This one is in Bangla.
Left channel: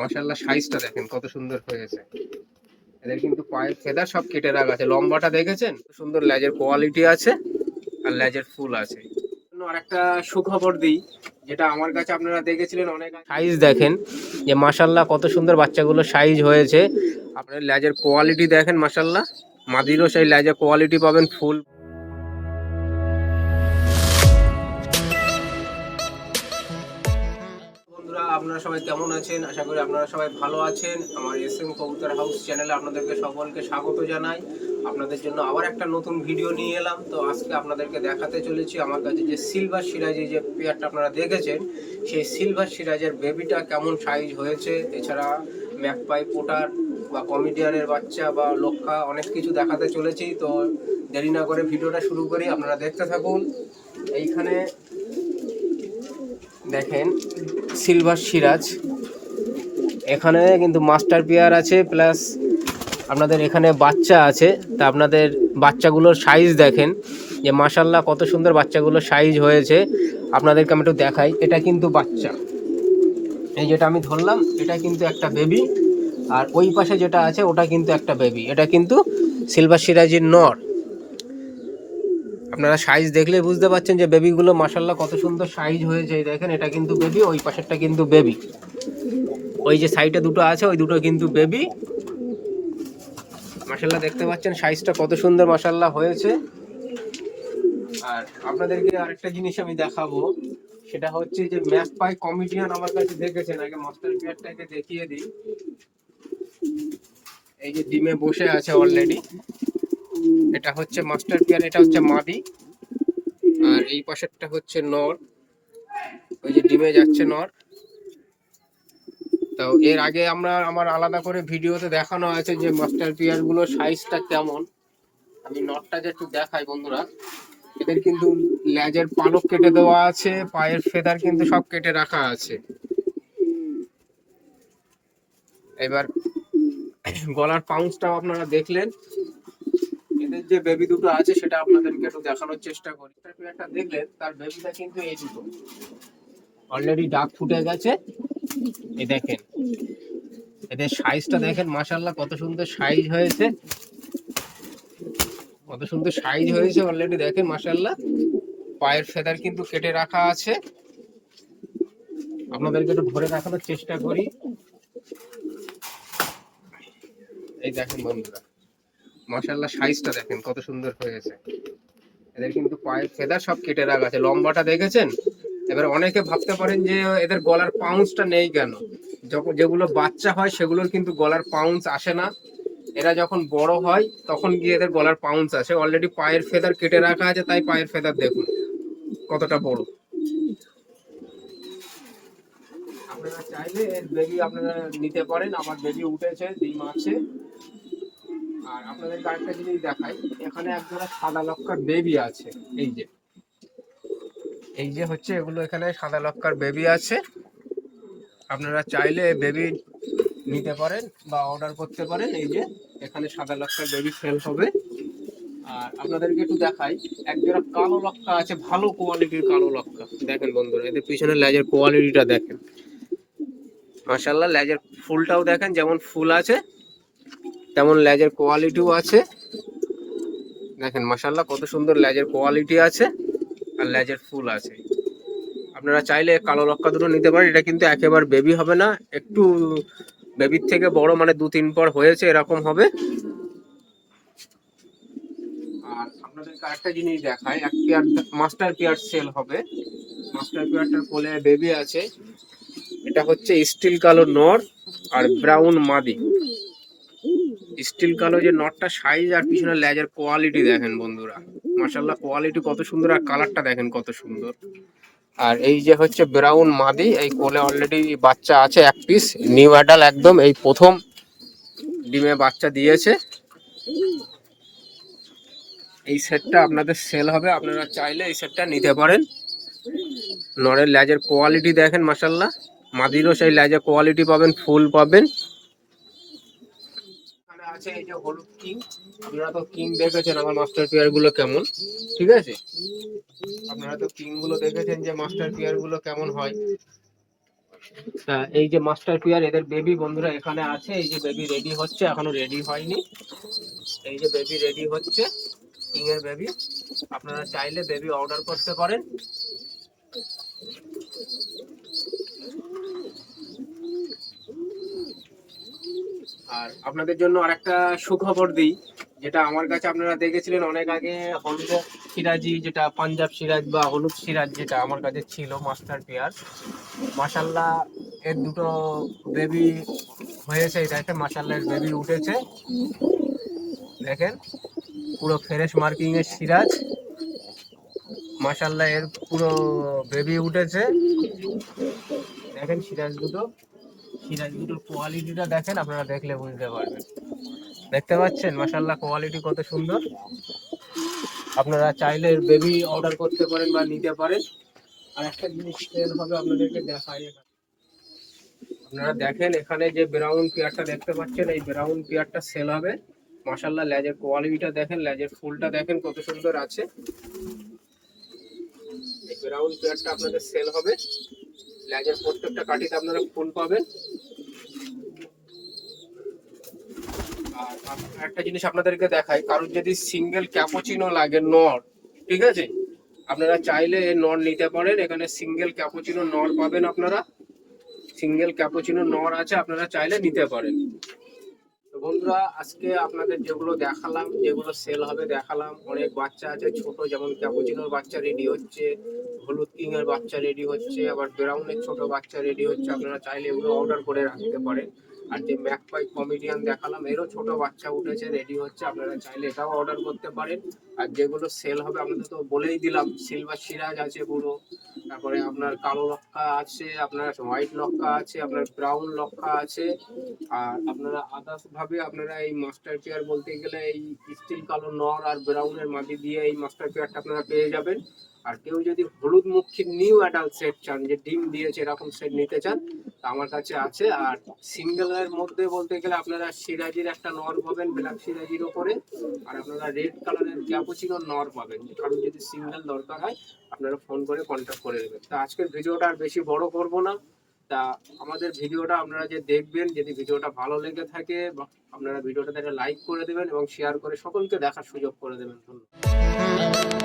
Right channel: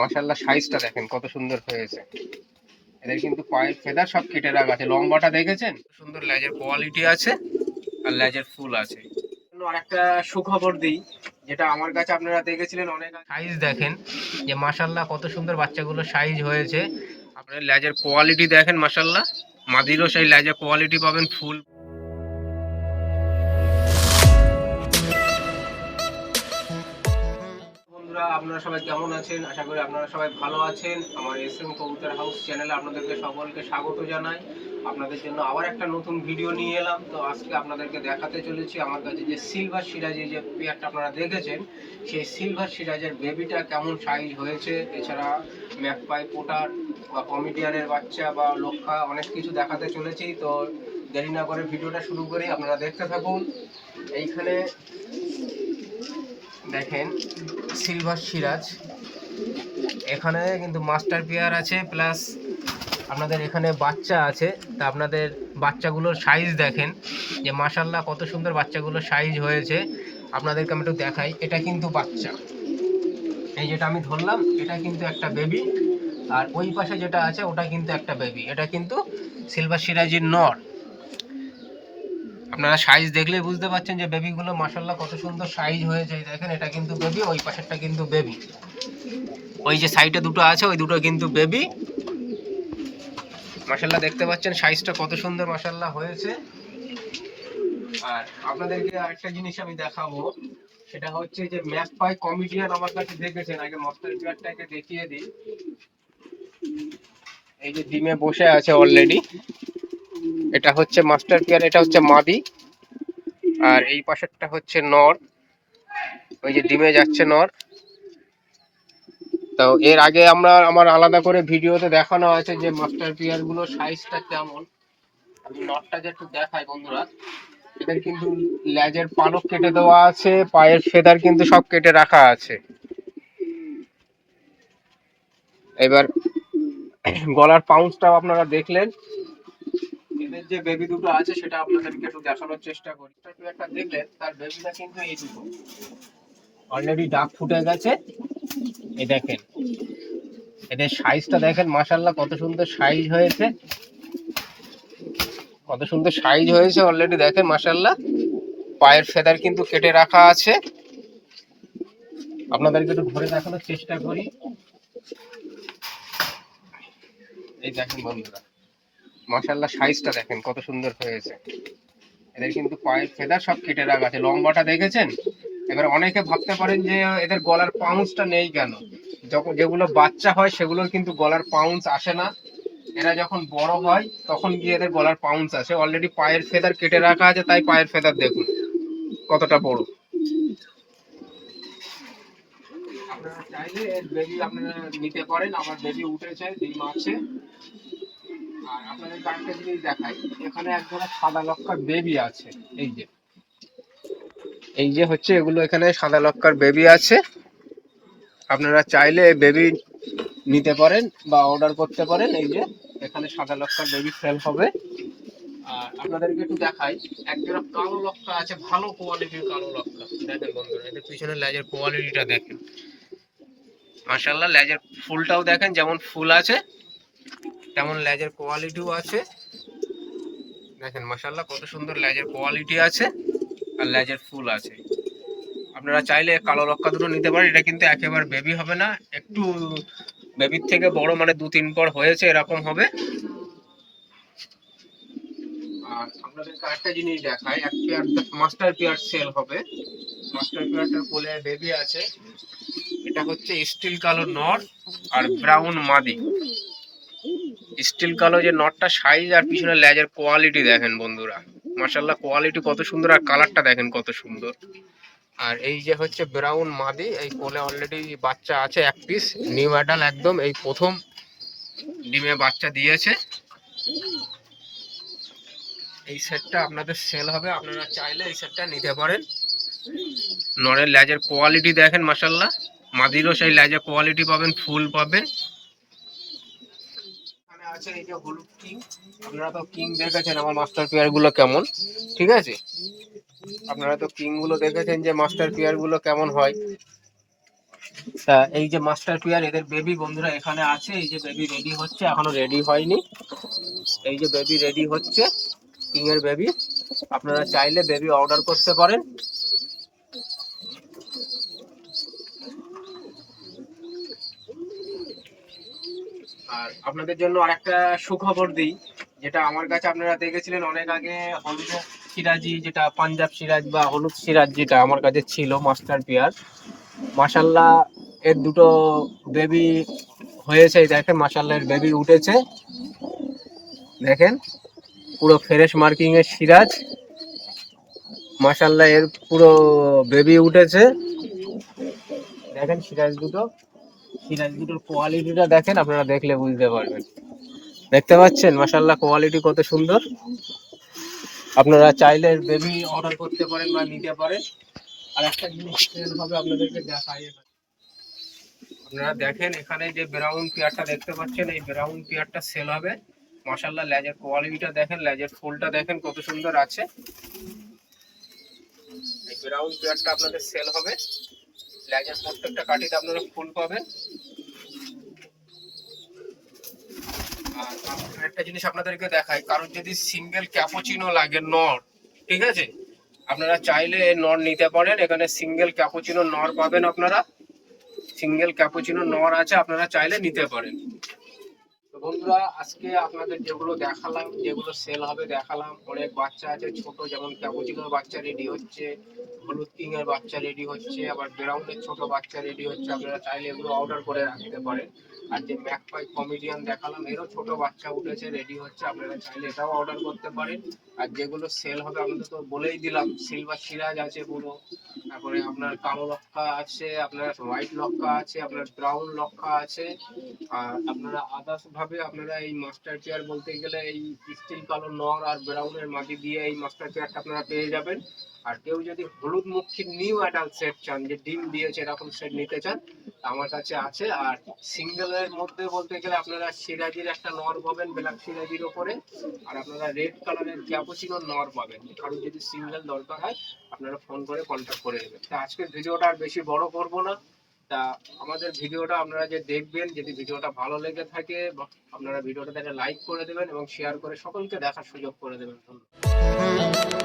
মাশাআল্লাহ সাইজটা দেখেন কত সুন্দর হয়েছে। এদের কিন্তু পায়ের ফেদার সব কেটে রাখা আছে, লম্বাটা দেখেছেন সুন্দর, লেজের কোয়ালিটি আছে আর লেজের ফুল আছে। আর একটা সুখবর দিই, যেটা আমার কাছে আপনারা দেখেছিলেন অনেক সাইজ দেখেন যে মাশাআল্লাহ কত সুন্দর বাচ্চাগুলো সাইজ হয়েছে। আপনার লেজের কোয়ালিটি দেখেন মাশাআল্লাহ, মাদিরও সেই লেজের কোয়ালিটি পাবেন ফুল। বন্ধুরা আপনারা সবাই কেমন আছেন? আশা করি আপনারা সবাই ভালো আছেন। আমার এসএম কবুতর হাউস চ্যানেলে আপনাদেরকে সকলকে স্বাগত জানাই। আপনাদের জন্য আবার একটা নতুন ভিডিও নিয়ে এলাম। তো আজকে আপনাদেরকে দেখাতে চলেছি আমার কাছে যে সিলভার সিরাজি যে পেয়ারটা আপনারা দেখেছেন, সেই সিলভার সিরাজের বেবিটা কেমন সাইজ হয়েছে। এছাড়া ম্যাকপাই পোটার বা কমিডিয়ানের বাচ্চা বা লক্ষা অনেক কিছু দেখাতে চলেছি। তো দেরি না করে ভিডিওটা শুরু করি, আপনারা দেখতে থাকুন। এইখানে দেখেন সিলভার সিরাজ, এখানে কিন্তু মাস্টার পেয়ার আছে, প্লাস আপনাদের এখানে বাচ্চা আছে। তা আপনাদের বাচ্চাগুলোর সাইজ দেখেন যে মাশাআল্লাহ কত সুন্দর বাচ্চাগুলোর সাইজ হয়েছে। আপনাদেরকে আমি একটু দেখাই, এটা কিন্তু বাচ্চা, এই যেটা আমি ধরলাম এটা কিন্তু একটা বেবি, আর ওই পাশে যেটা আছে ওটা কিন্তু একটা বেবি। এটা কিন্তু সিলভার সিরাজের নর। আপনারা সাইজ দেখলে বুঝতে পারছেন যে বেবিগুলো মাশাআল্লাহ কত সুন্দর সাইজ হয়েছে। দেখেন এটা কিন্তু বেবি, ওই পাশেরটা কিন্তু বেবি, ওই যে সাইডে দুটো আছে ওই দুটো কিন্তু বেবি। মাশাআল্লাহ দেখতে পাচ্ছেন সাইজটা কত সুন্দর মাশাআল্লাহ হয়েছে। আর আপনাদেরকে আরেকটা জিনিস আমি দেখাবো, সেটা হচ্ছে যে ম্যাকপাই কমিডিয়ান আমার কাছে দেখেছেন। আগে মাস্টার পেয়ারটাকে দেখিয়ে দিই। এই যে ডিমে বসে আছে অলরেডি, এটা হচ্ছে মাস্টার পেয়ার, এটা হচ্ছে মাদি, আর এই পাশেরটা হচ্ছে নর, ওই যে ডিমে যাচ্ছে নর। তো এর আগে আমার আলাদা করে ভিডিওতে দেখানো আছে যে মাস্টার পেয়ার গুলো সাইজটা কেমন। আমি নটটাকে একটু দেখাই বন্ধুরা। এদের কিন্তু লেজের পালক কেটে দেওয়া আছে, পায়ের ফেদার কিন্তু সব কেটে রাখা আছে। এবার গলার পাউন্সটাও আপনারা দেখলেন। এদের যে বেবি দুটো আছে সেটা আপনাদেরকে একটু দেখানোর চেষ্টা করি। একটা দেখলেন, তার বেবিটা কিন্তু এই দুটো অলরেডি ডাক ফুটে গেছে। এই দেখেন এদের সাইজটা দেখেন মাশাআল্লাহ কত সুন্দর সাইজ হয়েছে, কত সুন্দর সাইজ হয়েছে অলরেডি দেখেন মাশাআল্লাহ। পায়ের ফেদার কিন্তু কেটে রাখা আছে। আপনাদেরকে একটু ধরে দেখানোর চেষ্টা করি। এই দেখেন বন্ধুরা মাশাআল্লাহ সাইজটা দেখেন কত সুন্দর হয়েছে। এদের কিন্তু পায়ের ফেদার সব কেটে রাখা আছে, লম্বাটা দেখেছেন। এবার অনেকে ভাবতে পারেন যে এদের গলার পাউন্সটা নেই কেন। যখন যেগুলো বাচ্চা হয় সেগুলোর কিন্তু গলার পাউন্স আসে না, এরা যখন বড় হয় তখন গিয়ে এদের গলার পাউন্স আসে। অলরেডি পায়ের ফেদার কেটে রাখা আছে, তাই পায়ের ফেদার দেখুন কতটা বড়। আপনারা চাইলে এর বেবি আপনারা নিতে পারেন, আমার বেবি উঠেছে, ডিম আছে। আর আপনাদের আরেকটা জিনিস দেখাই, এখানে এক ধরনের সাদা লক্ষার বেবি আছে। এই যে এই যে হচ্ছে এগুলো, এখানে সাদা লক্ষার বেবি আছে। আপনারা চাইলে বেবি নিতে পারেন বা অর্ডার করতে পারেন। এই যে এখানে সাদা লক্ষার বেবি সেল হবে। আর আপনাদেরকে একটু দেখাই, একজোড়া কালো লক্ষা আছে, ভালো কোয়ালিটির কালো লক্ষা। দেখেন বন্ধুরা এদের পিছনে লেজের কোয়ালিটিটা দেখেন মাশাআল্লাহ। লেজের ফুলটাও দেখেন, যেমন ফুল আছে তেমন লেজের কোয়ালিটিও আছে। দেখেন মাশাআল্লাহ কত সুন্দর লেজের কোয়ালিটি আছে আর লেজের ফুল আছে। আপনারা চাইলে কালো লক্ষা দুটো নিতে পারেন। এটা কিন্তু একেবারে বেবি হবে না, একটু বেবির থেকে বড়, মানে 2-3 পর হয়েছে এরকম হবে। আর আপনাদেরকে আরেকটা জিনিস দেখাই, এক পেয়ার মাস্টার পেয়ার সেল হবে। মাস্টার পেয়ারটার কোলে বেবি আছে। এটা হচ্ছে স্টিল কালো নর আর ব্রাউন মাদি। স্টিল কালো যে নটটা সাইজ আর পিছনে লেজের কোয়ালিটি দেখেন বন্ধুরা মাশাআল্লাহ, কোয়ালিটি কত সুন্দর আর কালারটা দেখেন কত সুন্দর। আর এই যে হচ্ছে ব্রাউন মাদি, এই কোলে অলরেডি বাচ্চা আছে এক পিস, নিউ অ্যাডাল একদম, এই প্রথম ডিমে বাচ্চা দিয়েছে। এই সেটটা আপনাদের সেল হবে, আপনারা চাইলে এই সেটটা নিতে পারেন। নরের লেজের কোয়ালিটি দেখেন মাশাআল্লাহ, মাদিরও সেই লেজের কোয়ালিটি পাবেন, ফুল পাবেন। এখানে আছে এই যে হলুদ কিং। আপনারা তো কিং দেখেছেন আমার মাস্টার পেয়ার গুলো কেমন, ঠিক আছে। আপনারা তো কিং গুলো দেখেছেন যে মাস্টার পেয়ার গুলো কেমন হয়। তা এই যে মাস্টার পেয়ার এদের বেবি বন্ধুরা এখানে আছে, এই যে বেবি রেডি হচ্ছে, এখনো রেডি হয়নি। এই যে বেবি রেডি হচ্ছে, কিং এর বেবি। আপনারা চাইলে বেবি অর্ডার করতে পারেন। আর আপনাদের জন্য আরেকটা সুখবর দিই, যেটা আমার কাছে আপনারা দেখেছিলেন অনেক আগে, হলুদ সিরাজি, যেটা পাঞ্জাব সিরাজ বা হলুদ সিরাজ, যেটা আমার কাছে ছিল মাস্টার পেয়ার। মাশাল্লাহ এর দুটো বেবি হয়েছে, দেখেন মাশাল্লাহ এর বেবি উঠেছে, দেখেন পুরো ফ্রেশ মার্কিং এর সিরাজ। মাশাল্লাহ এর পুরো বেবি উঠেছে, দেখেন সিরাজ দুটোর কোয়ালিটিটা দেখেন, আপনারা দেখলে বুঝতে পারবেন। দেখতে পাচ্ছেন মাশাল্লাহ কোয়ালিটি কত সুন্দর। আপনারা চাইলে বেবি অর্ডার করতে পারেন বা নিতে পারেন। আর একটা জিনিস সেল হবে আপনাদেরকে দেখাই, আপনারা দেখেন এখানে যে ব্রাউন পেয়ারটা দেখতে পাচ্ছেন, এই ব্রাউন পেয়ারটা সেল হবে। মাশাল্লাহ লেজের কোয়ালিটিটা দেখেন, লেজের ফুলটা দেখেন কত সুন্দর আছে। এই ব্রাউন পেয়ারটা আপনাদের সেল হবে। লেজের প্রত্যেকটা কাঠিতে আপনারা ফুল পাবেন। আর একটা জিনিস আপনাদেরকে দেখাই, কারোর যদি সিঙ্গেল ক্যাপুচিনো লাগে নর, ঠিক আছে, আপনারা চাইলে নর নিতে পারেন। এখানে সিঙ্গেল ক্যাপুচিনো নর পাবেন আপনারা, সিঙ্গেল ক্যাপুচিনো নর আছে, আপনারা চাইলে নিতে পারেন। তো বন্ধুরা আজকে আপনাদের যেগুলো দেখালাম, যেগুলো সেল হবে দেখালাম। অনেক বাচ্চা আছে ছোট, যেমন ক্যাপুচিনোর বাচ্চা রেডি হচ্ছে, হলুদ কিং এর বাচ্চা রেডি হচ্ছে, আবার ব্রাউনের ছোট বাচ্চা রেডি হচ্ছে। আপনারা চাইলে এগুলো অর্ডার করে রাখতে পারেন। আর যে ম্যাকপাই কমেডিয়ান দেখালাম, এরও ছোট বাচ্চা উঠেছে, রেডি হচ্ছে, আপনারা চাইলে এটাও অর্ডার করতে পারেন। আর যেগুলো সেল হবে আপনাদের তো বলেই দিলাম, সিলভার সিরাজ আছে পুরো, তারপরে আপনার কালো লক্কা আছে, আপনার হোয়াইট লক্কা আছে, আপনার ব্রাউন লক্কা আছে। আর আপনারা আদার্স ভাবে আপনারা এই মাস্টার পেয়ার বলতে গেলে এই স্টিল কালো নর আর ব্রাউনের মাটি দিয়ে এই মাস্টার পেয়ারটা আপনারা পেয়ে যাবেন। আর কেউ যদি হলুদ মুখী নিউ অ্যাডাল্ট সেট চান, যে ডিম দিয়েছে এরকম সেট নিতে চান, তা আমার কাছে আছে। আর সিঙ্গেলের মধ্যে বলতে গেলে আপনারা সিরাজির একটা নর পাবেন ব্ল্যাক সিরাজির ওপরে, আর আপনারা রেড কালারের ক্যাপুচিনো নর পাবেন। কারণ যদি সিঙ্গেল দরকার হয় আপনারা ফোন করে কন্ট্যাক্ট করে নেবেন। তা আজকের ভিডিওটা আর বেশি বড় করব না। তা আমাদের ভিডিওটা আপনারা যে দেখবেন, যদি ভিডিওটা ভালো লেগে থাকে আপনারা ভিডিওটাতে একটা লাইক করে দেবেন এবং শেয়ার করে সকলকে দেখার সুযোগ করে দেবেন। ধন্যবাদ।